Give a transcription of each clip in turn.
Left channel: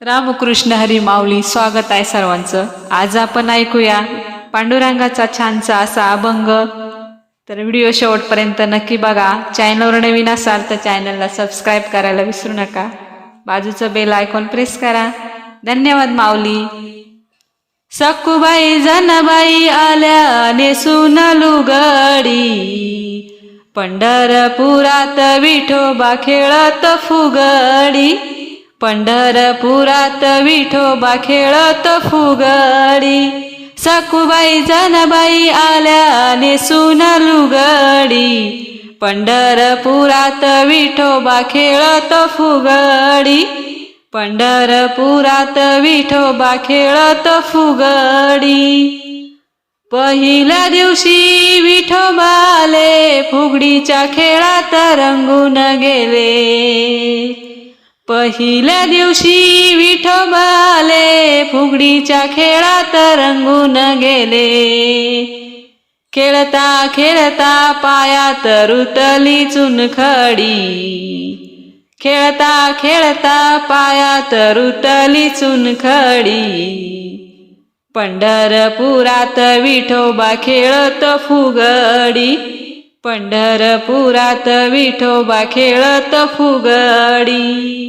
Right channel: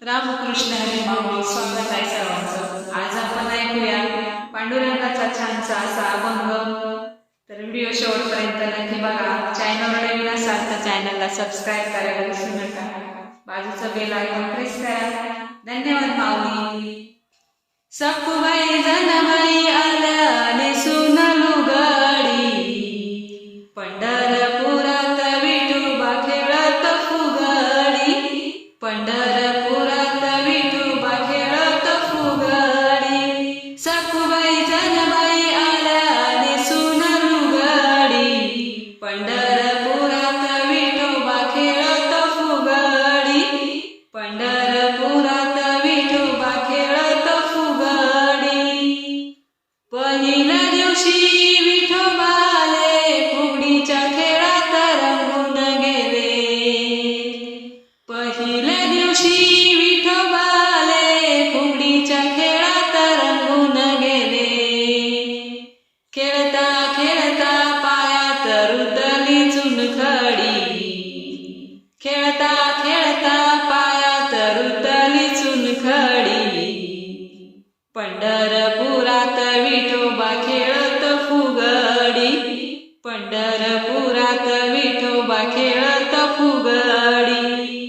रामकृष्ण हरी माऊली स्वागत आहे सर्वांचं. आज आपण ऐकूया पांडुरंगाचा छानसा असा अभंग. तर व्हिडिओ शेवटपर्यंत नक्की बघा. चॅनलवर नवीन असाल तर चॅनलला सबस्क्राईब करायला विसरू नका. बाजूचं बेल आयकॉन प्रेस करा. धन्यवाद माऊली. सकुबाई जनबाई आल्या नेसून लुगडी पंढरपुरात विठोबा खेळत फुगडी. पंढरपुरात विठोबा खेळत फुगडी. सखुबाई जनबाई आल्या नेसून लुगडी पंढरपुरात विठोबा खेळत फुगडी. पंढरपुरात विठोबा खेळत फुगडी. पहिल्या दिवशी विठोबाले फुगडीच्या खेळात रंगून गेले. पहिल्या दिवशी विठोबाले फुगडीच्या खेळात रंगून गेले. खेळता खेळता पायात रुतली चुनखडी. खेळता खेळता पायात रुतली चुनखडी. पंढरपुरात विठोबा खेळत फुगडी. पंढरपुरात विठोबा खेळत फुगडी.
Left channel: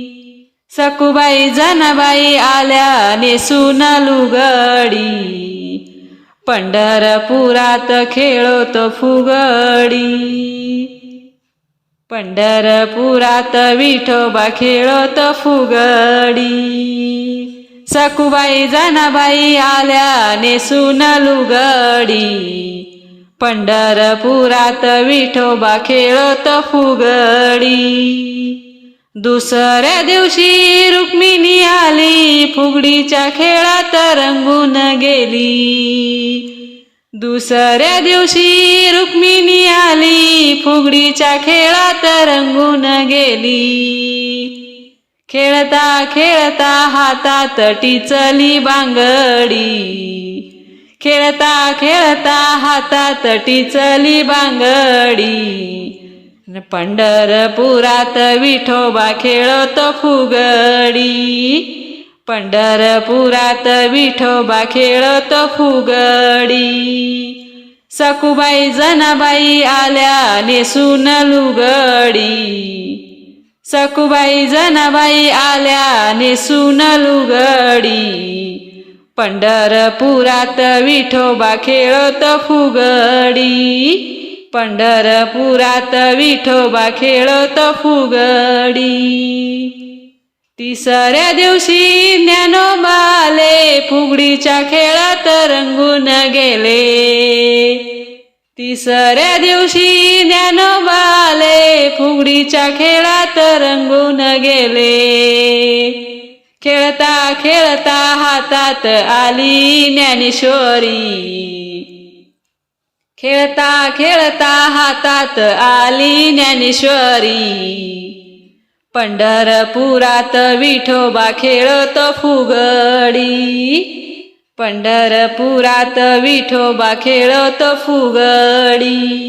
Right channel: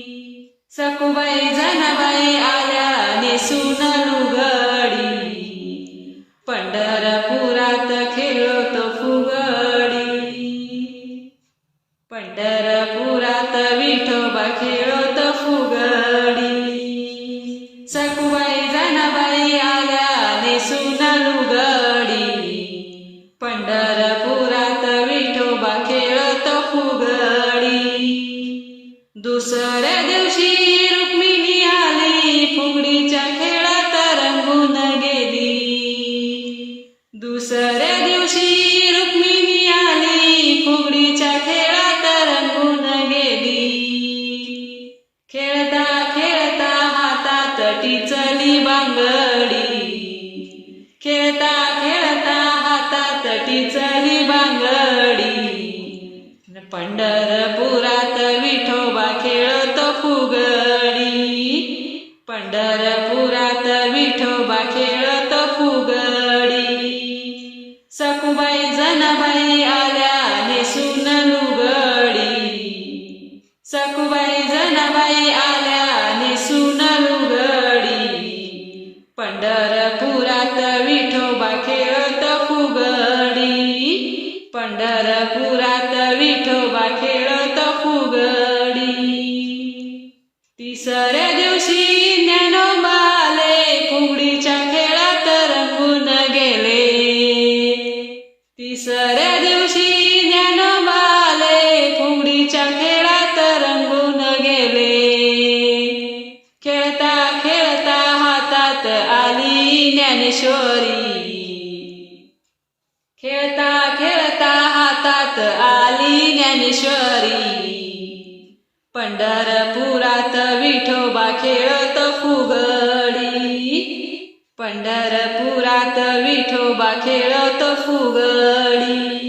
सकुबाई जनाबाई आल्या नेसून लुगडी. पंढरपुरात खेळतो फुगडी. पंढरपुरात विठोबा खेळतो फुगडी. सकुबाई जनाबाई आल्या नेसून लुगडी. पंढरपुरात विठोबा खेळत फुगडी. दुसऱ्या दिवशी रुक्मिणी आली. फुगडीच्या खेळात रंगून गेली. दुसऱ्या दिवशी रुक्मिणी आली. फुगडीच्या खेळात रंगून गेली. खेळता खेळता हातात टिचली बांगडी. खेळता खेळता हातात टिचली बांगडी. पंढरपुरात विठोबा खेळत फुगडी. पंढरपुरात विठोबा खेळत फुगडी. सकुबाई जनाबाई आल्या नेसून लुगडी. सकुबाई जनाबाई आल्या नेसून लुगडी. पंढरपुरात विठोबा खेळत फुगडी. पंढरपुरात विठोबा खेळत फुगडी. तिसऱ्या दिवशी ज्ञानोबाले फुगडीच्या खेळात रंगून गेले. तिसऱ्या दिवशी ज्ञानोबाले फुगडीच्या खेळात रंगून गेले. खेळता खेळता हातात आली ज्ञानेश्वरी. खेळता खेळता हातात आली ज्ञानेश्वरी. पंढरपुरात विठोबा खेळत फुगडी. पंढरपुरात विठोबा खेळत फुगडी.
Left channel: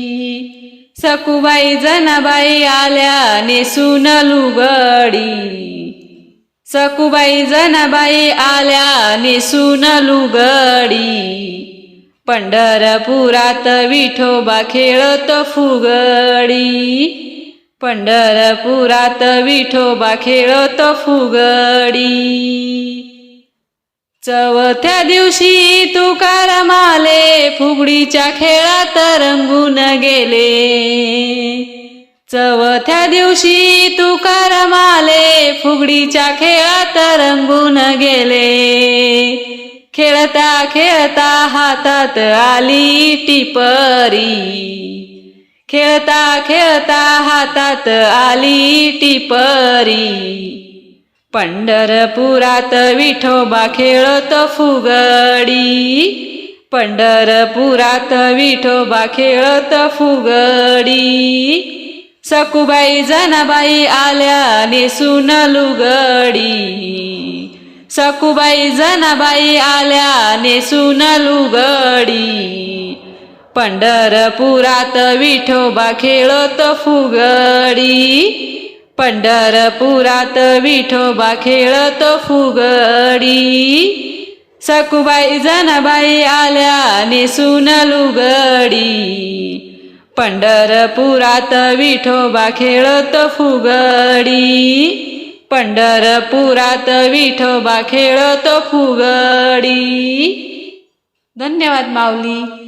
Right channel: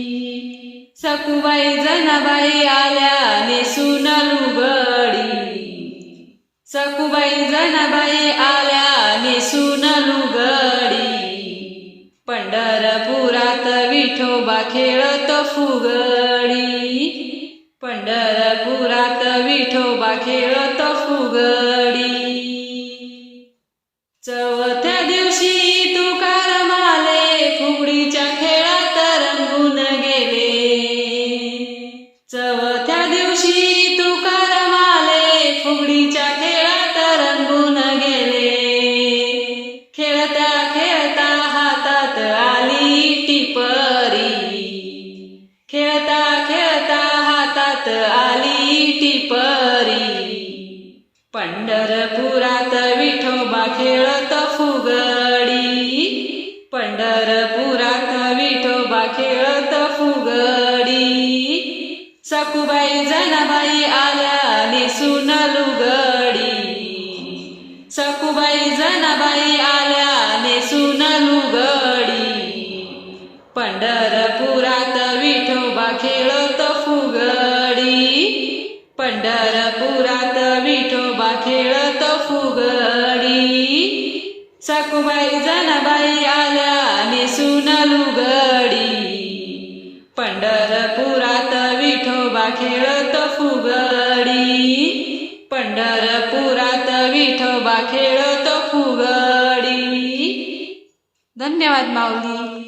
सकुबाई जनाबाई आल्या नेसून लुगडी. सकुबाई जनाबाई आल्या नेसून लुगडी. पंढरपुरात विठोबा खेळत फुगडी. पंढरपुरात विठोबा खेळत फुगडी. चौथ्या दिवशी तुकारामाले फुगडीच्या खेळात रंगून गेले. चौथ्या दिवशी तुकारामाले फुगडीच्या खेळात रंगून गेले. खेळता खेळता हातात आली टिपरी. खेळता खेळता हातात आली टिपरी. पंढरपुरात विठोबा खेळत फुगडी. पंढरपुरात विठोबा खेळत फुगडी. सकुबाई जनाबाई आल्या निसून लुगडी. सकुबाई जनाबाई आल्या नेसून लुगडी. पंढरपुरात विठोबा खेळत फुगडी. पंढरपुरात विठोबा खेळत फुगडी. सकुबाई जनाबाई आल्या नेसून लुगडी. पंढरपुरात विठोबा खेळत फुगडी. पंढरपुरात विठोबा खेळत फुगडी. धन्यवाद माऊली.